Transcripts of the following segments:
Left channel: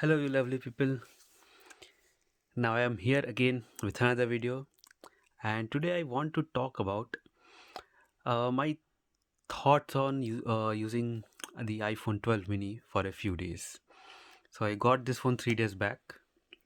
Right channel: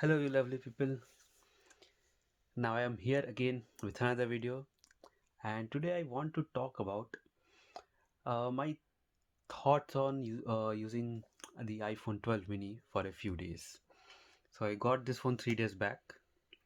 Hello, you lovely people. Now I am here again with another video, and today I want to talk about my thoughts on using the iPhone 12 mini for a few days. So I got this phone 3 days back,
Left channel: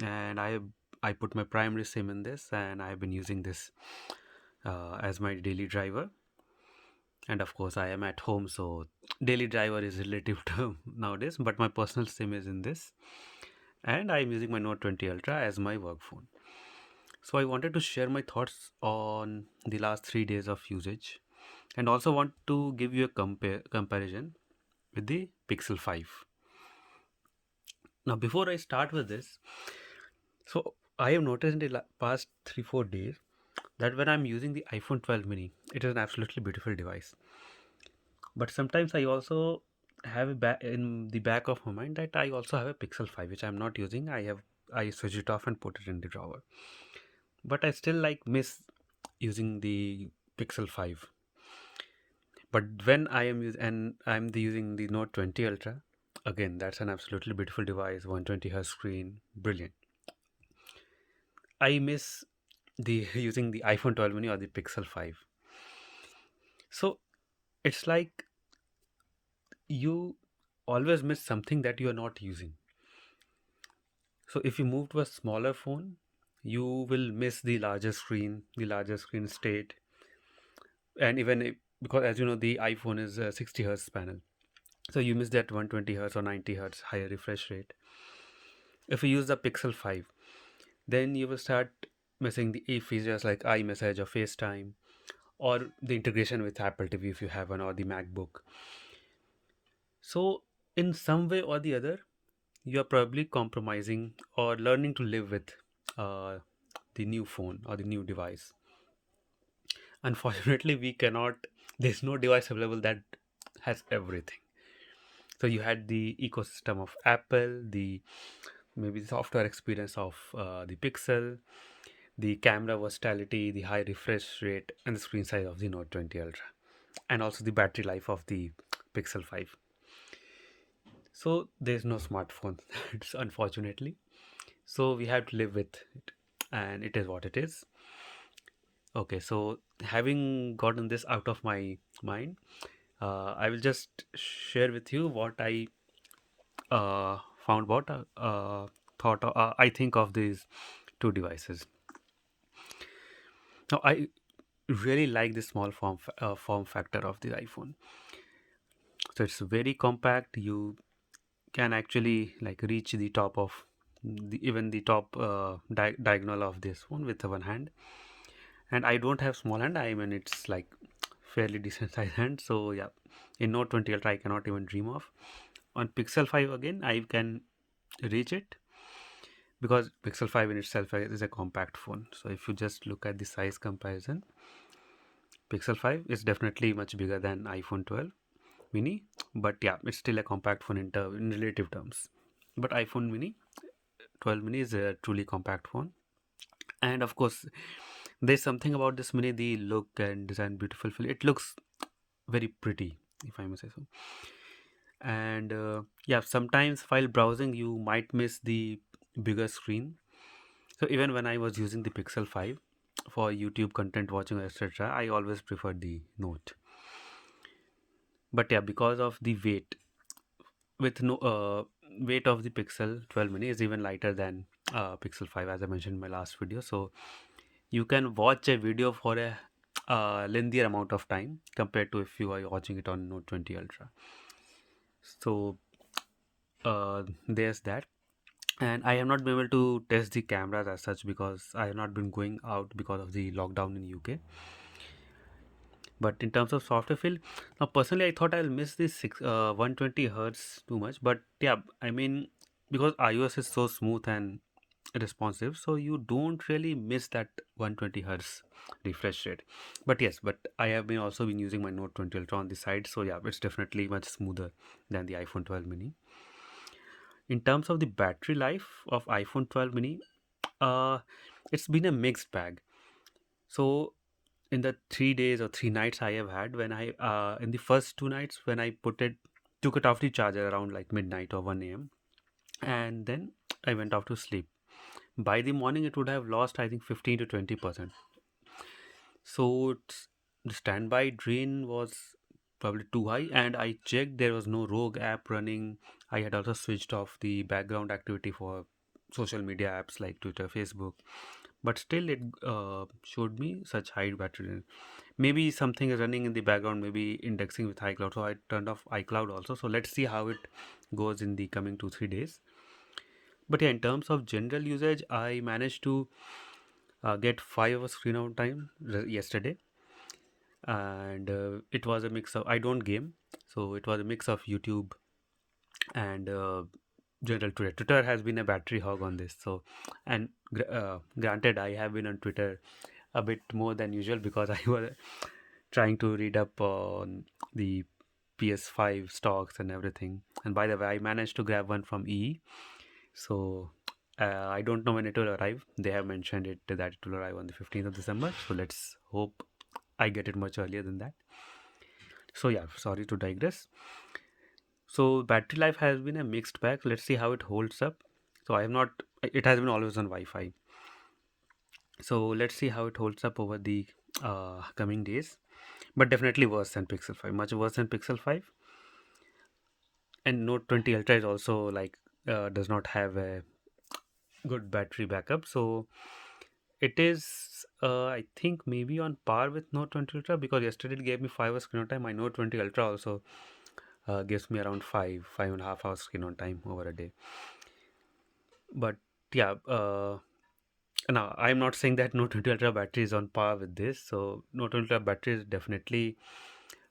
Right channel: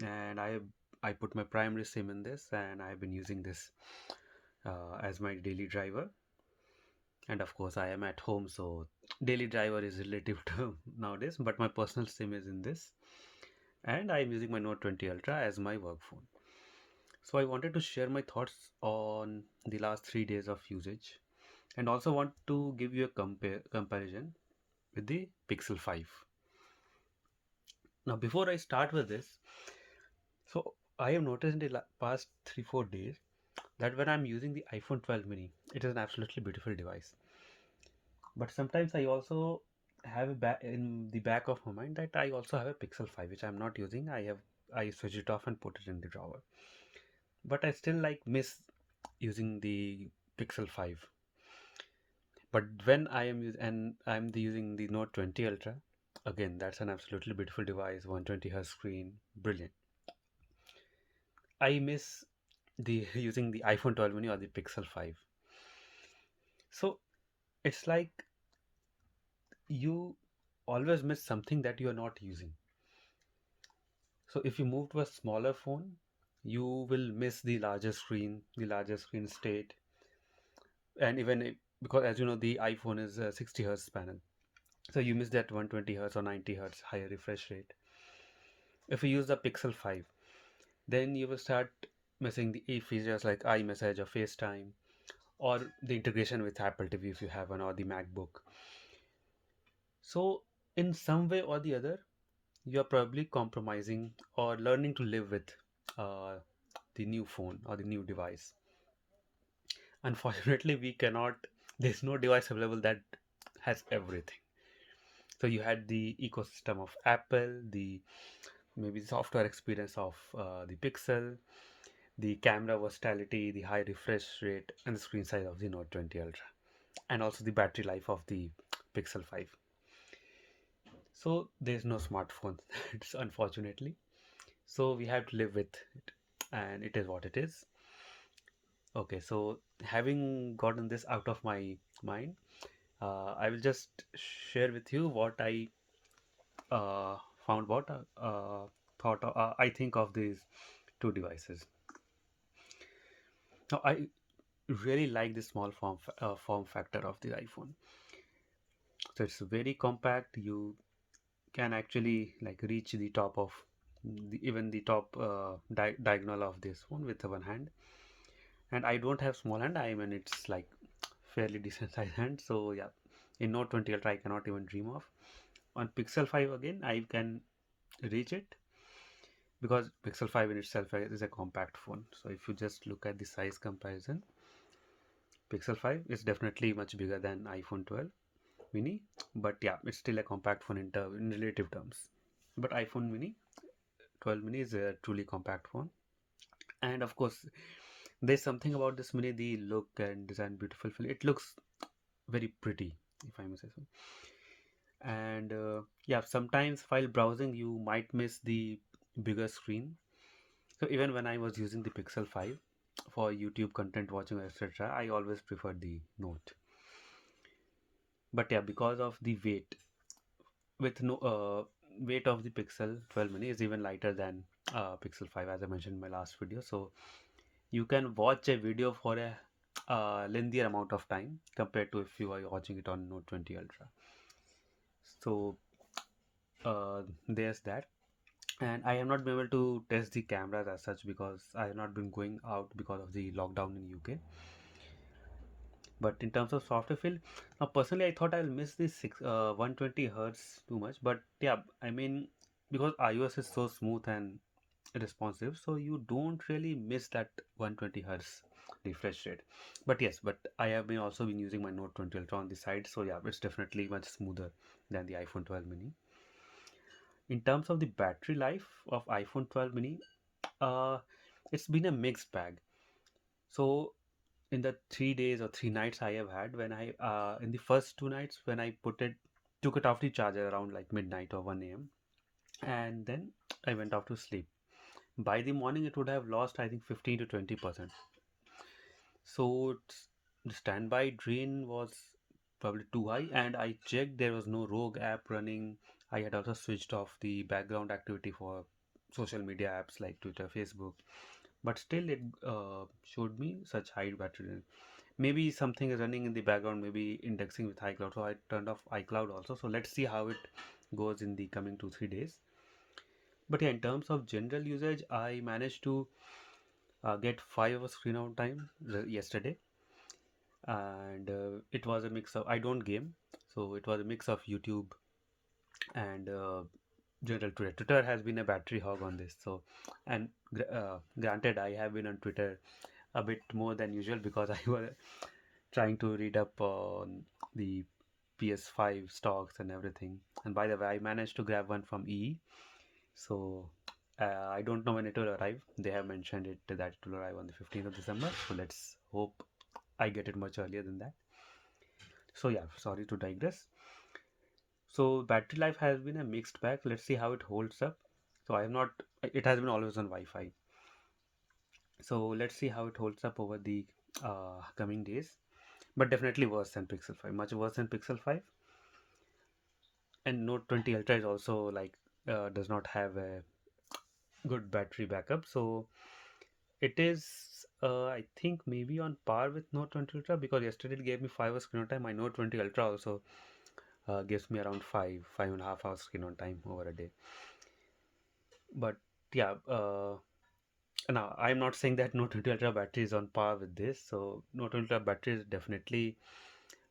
and I put my primary SIM in this, and I've been using this as my daily driver. And of course, I am at home, so daily driver is relative term nowadays. But my personal SIM is in this, and I am using my Note 20 Ultra as my work phone. So I wanted to share my thoughts on the last 3 days of usage and also want to give you a comparison with the Pixel 5. Now, before I start with this, so I have noticed in the past 3 4 days that when I'm using the iPhone 12 mini, it is an absolutely beautiful device. But sometimes I also have in the back of my mind that I also have a Pixel 5 which I'm not using. I switch it off and put it in the drawer. But I still like miss using the Pixel 5. But when I'm using the Note 20 Ultra, again that's an absolutely beautiful device, 120 Hz screen, brilliant. I miss the using the iPhone 12 mini or the Pixel 5. So it's like you always miss something that you are not using. So if you move to a smaller phone, you will miss the larger screen state, and because as you know the iPhone is a 60 hertz panel, so you miss that 120 hertz or 90 hertz higher refresh rate. If you use the Pixel 5, then you will start missing the features like iMessage or FaceTime or the integration with Apple TV if you have one or the MacBook. So, in some way or the other, you are probably compromising or learning to live with uh, the new phone or the new device. Unfortunately, we cannot, there's no device available that has everything. So, you had the ecosystem of Apple, the maybe the software experience of the Pixel, the camera versatility, the high refresh rate, and the screen size of the Note 20 Ultra, and also the battery life of the Pixel 5. So there's no smartphone, it's unfortunately. So we have to live with it, and it is what it is. Okay, so having gotten this out of my mind, I will just share with you what I found about I think of these two devices. Now I really like the small form factor of the iPhone. So it's very compact. You can actually like reach the top of even the top diagonal of this phone with one hand. And I don't have small hand. I mean it's like fairly decent size hand. So yeah, in Note 20 Ultra I cannot even dream of. On Pixel 5 again I can reach it because Pixel 5 in itself is a compact phone. So if you just look at the size comparison, Pixel 5 is definitely much bigger than iPhone 12 mini, but yeah, it's still a compact phone in relative terms. But iPhone mini 12 mini is a truly compact phone, and of course there's something about this mini, the look and design, beautiful feel. It looks very pretty, if I may say so. And yeah, sometimes while browsing you might miss the bigger screen. So even when I was using the Pixel 5 for YouTube content watching, etc., I always preferred the Note. But yeah, because of the with no weight of the Pixel 12 mini is even lighter than Pixel 5, as I mentioned in my last video. So you can watch a video for a lengthier amount of time compared to if you are watching it on Note 20 Ultra. So there's that. And I have not been able to test the cameras as such because I have not been going out because of the lockdown in UK. But in terms of software feel, now personally I thought I'll miss this 120 hertz too much. But yeah, I mean because iOS is so smooth and responsive, so you don't really miss that 120 hertz refresh rate. But yes, but I have been also been using my Note 20 Ultra on the side, so yeah, it's definitely much smoother than the iPhone 12 mini. In terms of the battery life of iPhone 12 mini, uh it's been a mixed bag. So in the 3 days or 3 nights I have had, when I in the first 2 nights when I took it off the charger around like midnight or 1 a.m., and then I went off to sleep. By the morning, it would have lost, I think, 15 to 20%. So the standby drain was probably too high, and I checked there was no rogue app running. I had also switched off the background activity for social media apps like Twitter, Facebook, but still it showed me such high battery drain. Maybe something is running in the background, maybe indexing with iCloud. So I turned off iCloud also. So let's see how it goes in the coming 2 3 days. But yeah, in terms of general usage, I managed to get 5 hours screen on time yesterday, and it was a mix of, I don't game, so it was a mix of YouTube and general Twitter. Twitter has been a battery hog on this. So, and granted, I have been on Twitter a bit more than usual because I was trying to read up on the PS5 stocks and everything. And by the way, I managed to grab one from EE. So I don't know when it will arrive. They have mentioned it that it will arrive on the 15th of December. So let's hope I get it much earlier than that. So yeah, sorry to digress. So battery life has been a mixed bag. Let's see how it holds up. So I have not. It has been always on Wi-Fi. So let's see how it holds up over the coming days. But definitely worse than Pixel 5. Much worse than Pixel 5. And Note 20 Ultra is also like does not have a good battery backup. So it is, I think, maybe on par with Note 20 Ultra because yesterday it gave me 5 hours screen on time. My Note 20 Ultra also gives me around 5.5 hours screen on time over a day. But yeah, now I'm not saying that Note 20 Ultra battery is on par with this. So Note 20 Ultra battery is definitely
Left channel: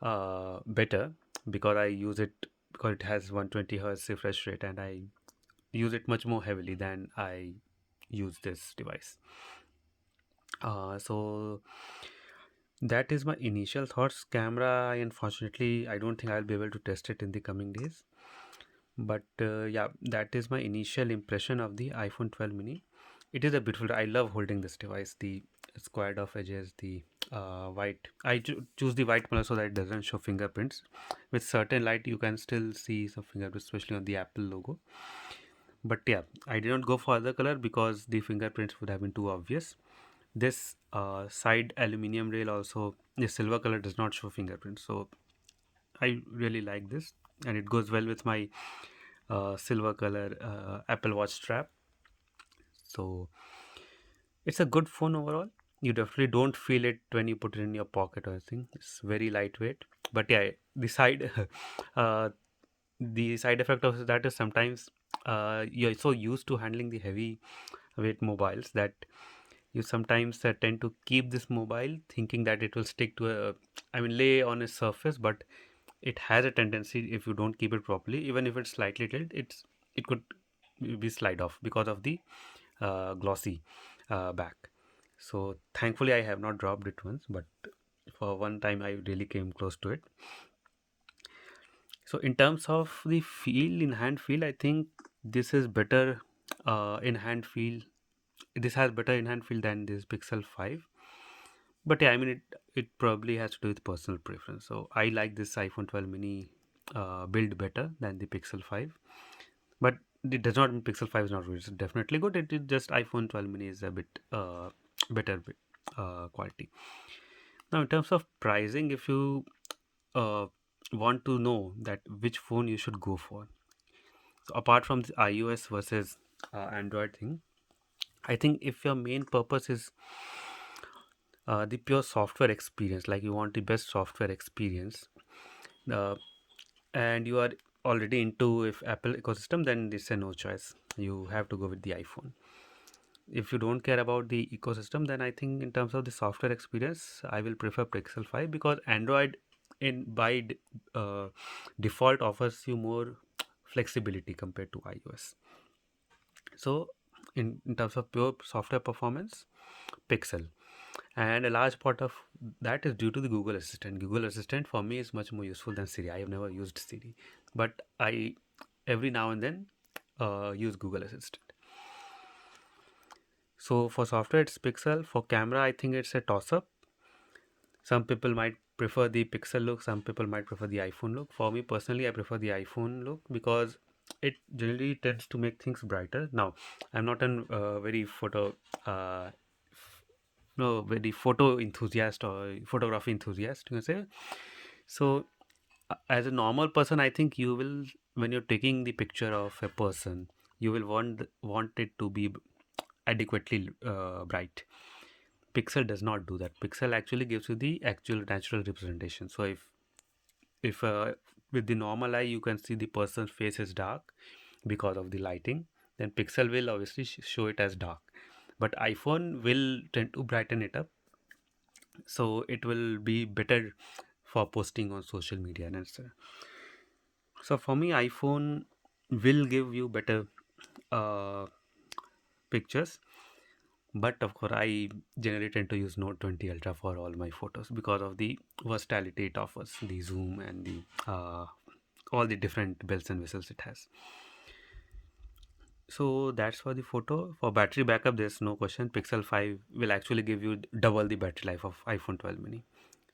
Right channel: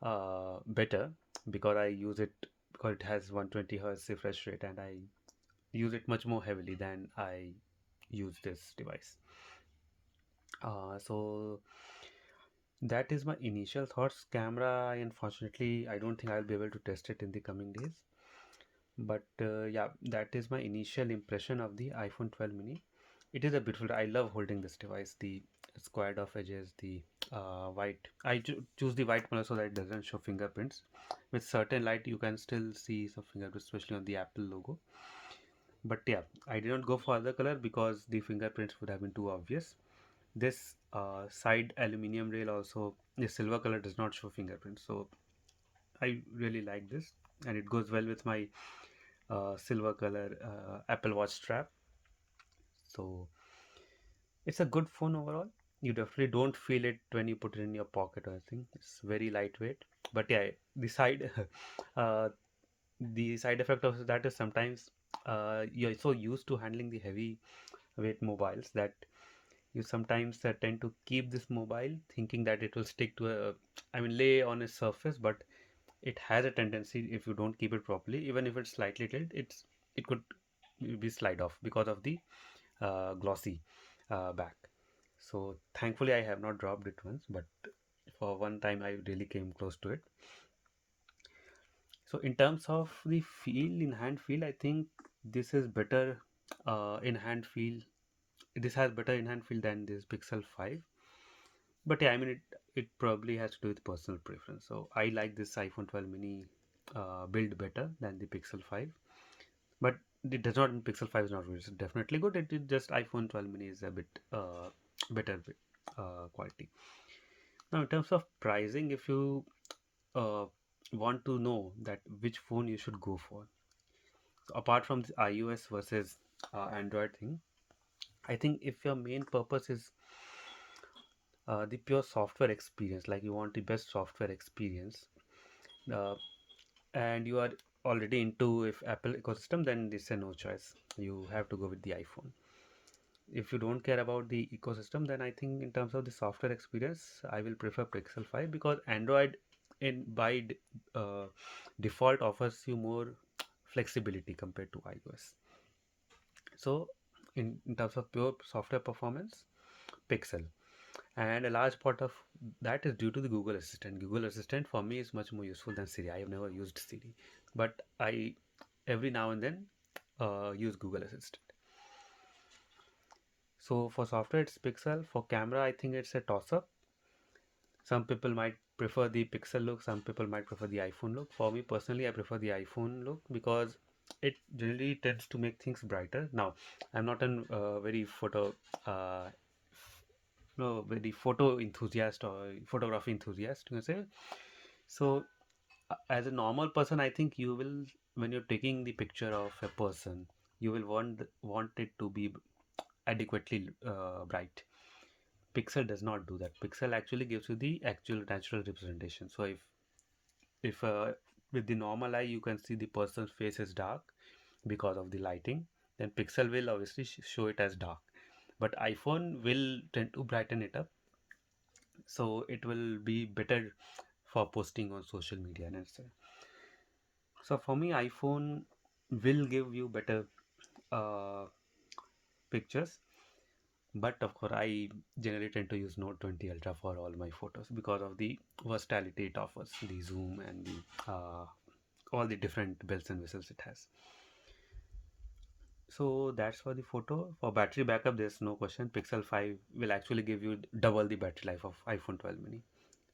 better because I use it because it has 120 hertz refresh rate and I use it much more heavily than I use this device. So that is my initial thoughts. Camera, unfortunately, I don't think I'll be able to test it in the coming days. But yeah, that is my initial impression of the iPhone 12 mini. It is a beautiful. I love holding this device. The squared off edges, the white. I choose the white color so that it doesn't show fingerprints. With certain light, you can still see some fingerprints, especially on the Apple logo. But yeah, I did not go for other color because the fingerprints would have been too obvious. This side aluminium rail also, the silver color does not show fingerprints. So I really like this, and it goes well with my silver color Apple Watch strap. So it's a good phone overall. You definitely don't feel it when you put it in your pocket or anything. It's very lightweight. But yeah, the side uh, the side effect of that is sometimes you're so used to handling the heavy weight mobiles that you sometimes tend to keep this mobile thinking that it will stick to a, I mean, lay on a surface, but it has a tendency if you don't keep it properly, even if it's slightly tilted, it could be slide off because of the glossy back. So thankfully I have not dropped it once, but for one time I really came close to it. So in terms of the feel, in hand feel, I think this is better in hand feel. This has better in hand feel than this Pixel 5. But yeah, I mean it probably has to do with personal preference. So I like this iPhone 12 mini build better than the Pixel 5. But it does not mean Pixel 5 is not good. It's definitely good. It is just iPhone 12 mini is a bit better quality. Now, in terms of pricing, if you uh, want to know that which phone you should go for, so apart from the iOS versus Android thing, I think if your main purpose is the pure software experience, like you want the best software experience, uh, and you are already into if Apple ecosystem, then it's a no choice. You have to go with the iPhone. If you don't care about the ecosystem, then I think in terms of the software experience, I will prefer Pixel 5 because Android in default offers you more flexibility compared to iOS. So in terms of pure software performance, Pixel, and a large part of that is due to the Google Assistant. Google Assistant for me is much more useful than Siri. I have never used Siri, but I every now and then use Google Assistant. So for software, it's Pixel. For camera, I think it's a toss up. Some people might prefer the Pixel look, some people might prefer the iPhone look. For me personally, I prefer the iPhone look because it generally tends to make things brighter. Now, I'm not a very uh, no very photo enthusiast or photography enthusiast, you can say. So, as a normal person, I think you will, when you're taking the picture of a person, you will want it to be adequately bright. Pixel does not do that. Pixel actually gives you the actual natural representation. So if with the normal eye you can see the person's face is dark because of the lighting, then Pixel will obviously show it as dark. But iPhone will tend to brighten it up, so it will be better for posting on social media and so. So for me, iPhone will give you better uh, pictures. But of course, I generally tend to use Note 20 Ultra for all my photos because of the versatility it offers, the zoom and the all the different bells and whistles it has. So that's for the photo. For battery backup, there's no question. Pixel 5 will actually give you double the battery life of iPhone 12 mini.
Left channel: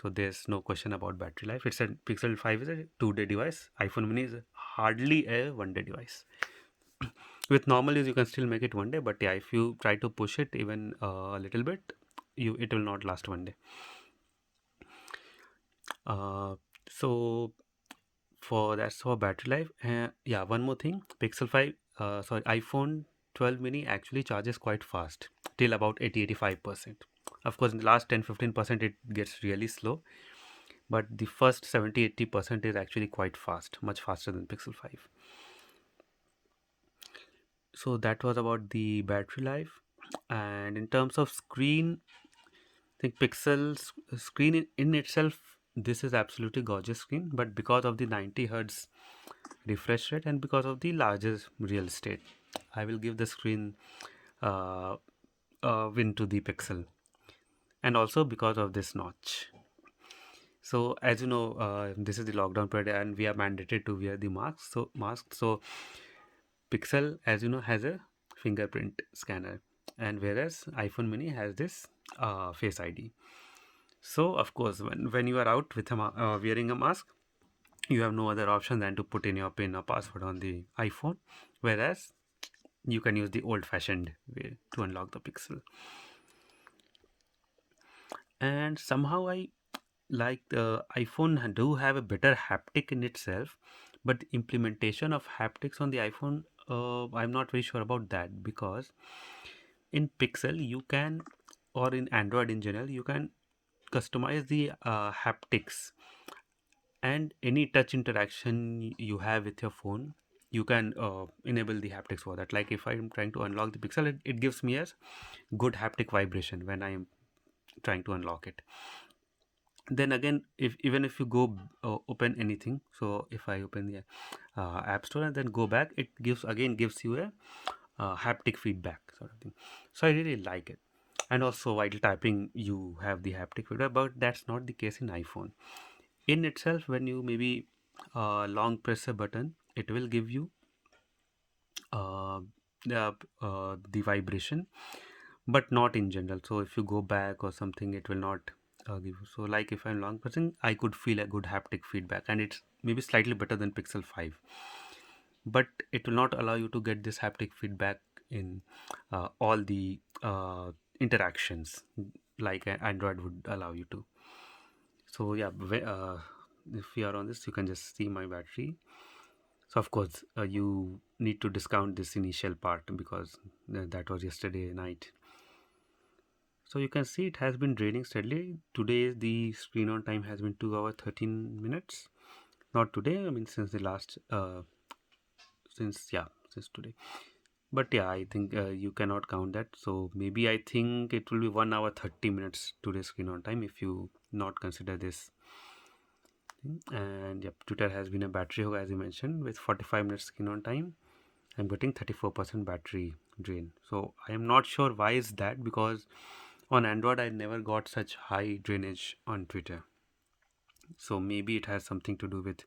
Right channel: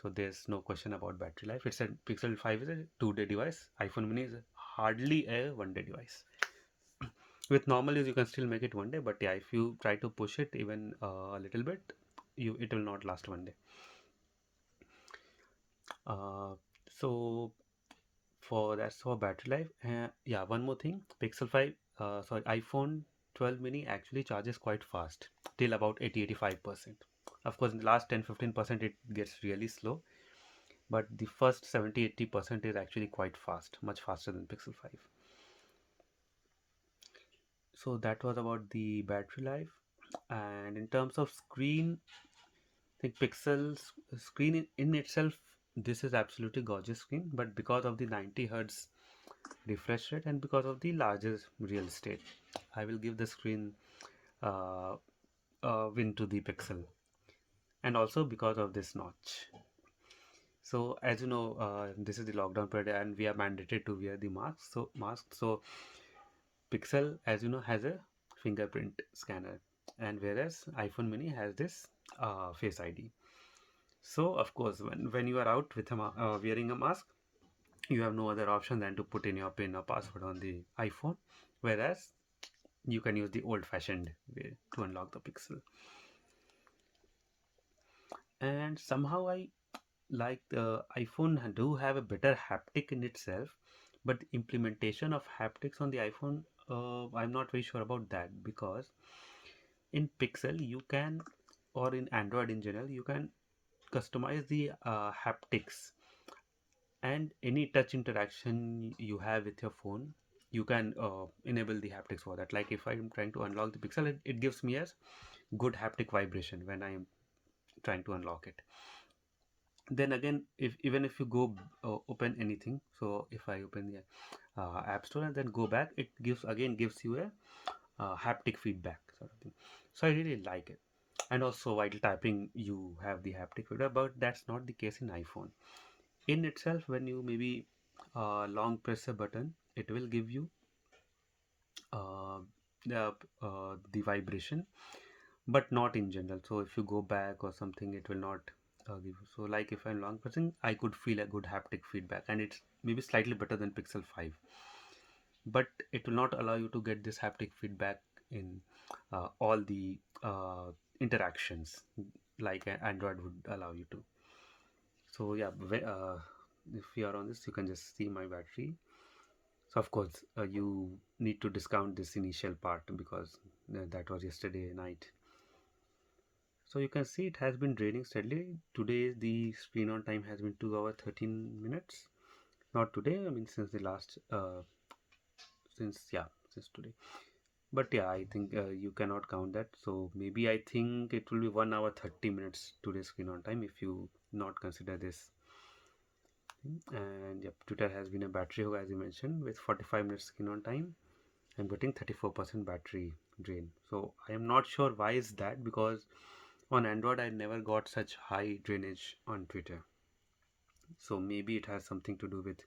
So there's no question about battery life. It's a Pixel 5 is a 2-day device. iPhone mini is hardly a 1-day device. With normal use, you can still make it 1 day, but yeah, if you try to push it even a little bit, it will not last 1 day. Uh, so for that's for battery life. Yeah, one more thing, Pixel 5 sorry, iPhone 12 mini actually charges quite fast till about 80-85%. Of course, in the last 10-15% it gets really slow, but the first 70-80% is actually quite fast, much faster than Pixel 5. So that was about the battery life. And in terms of screen, I think Pixel's screen in itself, this is absolutely gorgeous screen, but because of the 90 hertz refresh rate and because of the larger real estate, I will give the screen uh, win to the Pixel, and also because of this notch. So as you know, this is the lockdown period and we are mandated to wear the mask. So Pixel, as you know, has a fingerprint scanner, and whereas iPhone mini has this face ID. So of course, when you are out with wearing a mask, you have no other option than to put in your PIN or password on the iPhone, whereas you can use the old-fashioned way to unlock the Pixel. And somehow I like the iPhone do have a better haptic in itself, but the implementation of haptics on the iPhone, I'm not very sure about that, because in Pixel you can, or in Android in general, you can customize the haptics, and any touch interaction you have with your phone, you can enable the haptics for that. Like if I'm trying to unlock the Pixel, it gives me a good haptic vibration when I am trying to unlock it. Then again, if even if you go open anything, so if I open the app store and then go back, it gives you a haptic feedback sort of thing. So I really like it. And also while typing you have the haptic feedback, but that's not the case in iPhone. In itself, when you maybe long press a button, it will give you uh, the vibration, but not in general. So if you go back or something, it will not give you. So like if I'm long pressing, I could feel a good haptic feedback, and it's maybe slightly better than Pixel 5, but it will not allow you to get this haptic feedback in all the interactions like Android would allow you to. So yeah, if you are on this, you can just see my battery. So of course, you need to discount this initial part because that was yesterday night. So you can see it has been draining steadily. Today the screen on time has been 2 hours 13 minutes. Not today, I mean since the last since today. But yeah, I think you cannot count that. So maybe I think it will be 1 hour 30 minutes today screen on time if you not consider this. And yep, Twitter has been a battery hog, as you mentioned, with 45 minutes screen on time. I'm getting 34% battery drain. So I am not sure why is that, because on Android I never got such high drainage on Twitter. So maybe it has something to do with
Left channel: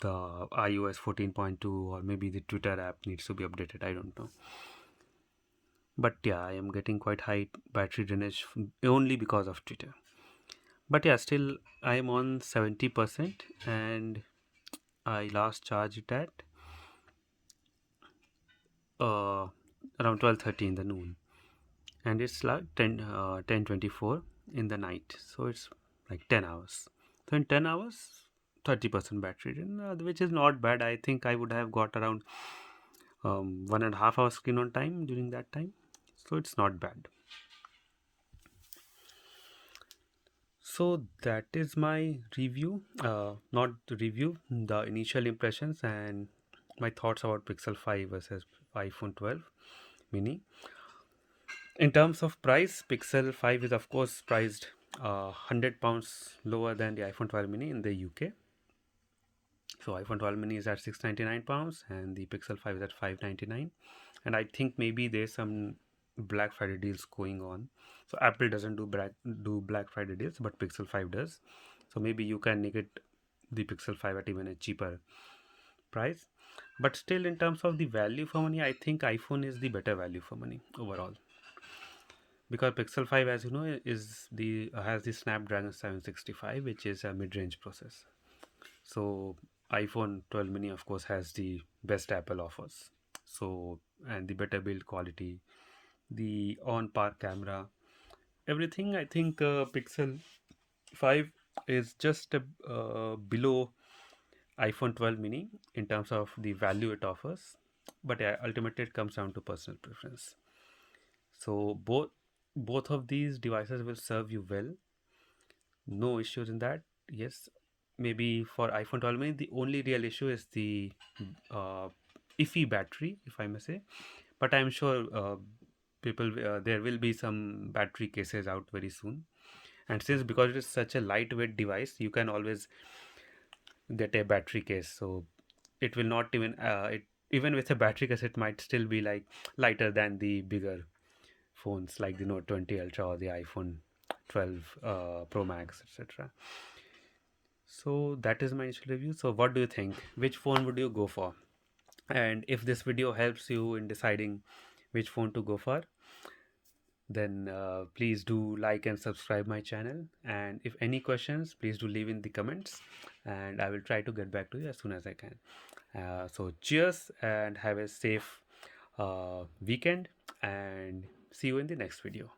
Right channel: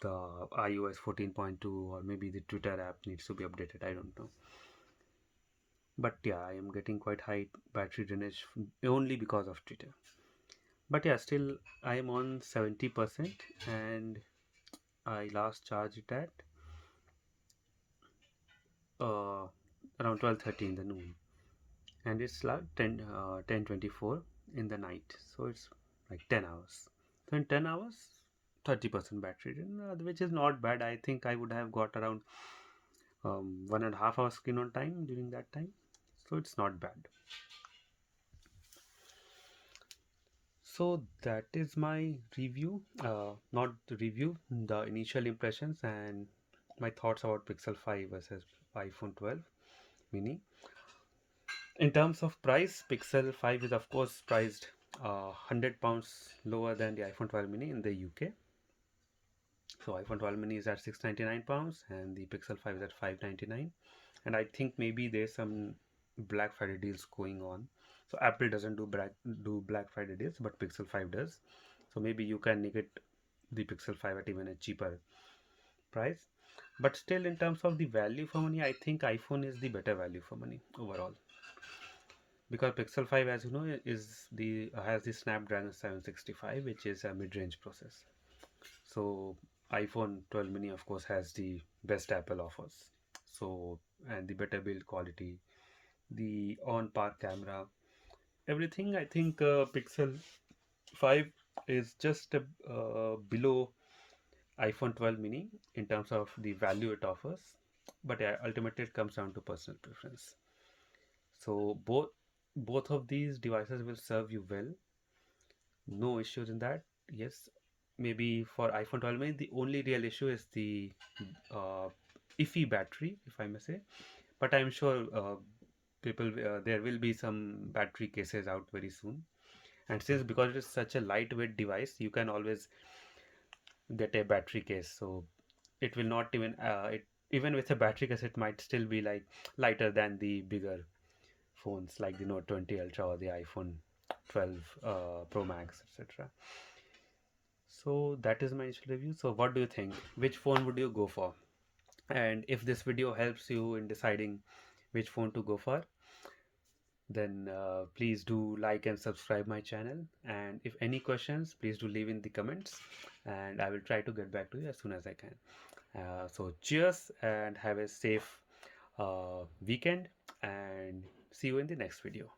the iOS 14.2, or maybe the Twitter app needs to be updated. I don't know. But yeah, I am getting quite high battery drainage only because of Twitter. But yeah, still I am on 70%, and I last charged it at around 12:30 in the noon, and it's like 10:24 in the night, so it's like 10 hours. So in 10 hours, 30% battery drain, which is not bad. I think I would have got around 1.5 hours screen on time during that time, so it's not bad. So that is my review, not the review, the initial impressions and my thoughts about Pixel 5 versus iPhone 12 mini. In terms of price, Pixel 5 is of course priced £100 lower than the iPhone 12 mini in the UK. So iPhone 12 mini is at £699 and the Pixel 5 is at £599. And I think maybe there's some Black Friday deals going on. So Apple doesn't do Black Friday deals, but Pixel 5 does. So maybe you can get the Pixel 5 at even a cheaper price. But still, in terms of the value for money, I think iPhone is the better value for money overall, because Pixel 5, as you know, is the has the Snapdragon 765, which is a mid-range processor. So iPhone 12 mini of course has the best Apple offers. So, and the better build quality, the on par camera, everything. I think Pixel 5 is just below iPhone 12 mini in terms of the value it offers, but yeah, ultimately it comes down to personal preference. So both of these devices will serve you well, no issues in that. Yes, maybe for iPhone 12 mini the only real issue is the uh, iffy battery, if I may say. But I'm sure people there will be some battery cases out very soon. And since because it is such a lightweight device, you can always get a battery case. So it will not even even with a battery case, it might still be like lighter than the bigger phones like the Note 20 Ultra or the iPhone 12 Pro Max, etc. So that is my initial review. So what do you think? Which phone would you go for? And if this video helps you in deciding which phone to go for, then please do like and subscribe my channel. And if any questions, please do leave in the comments, and I will try to get back to you as soon as I can. So cheers and have a safe weekend, and see you in the next video.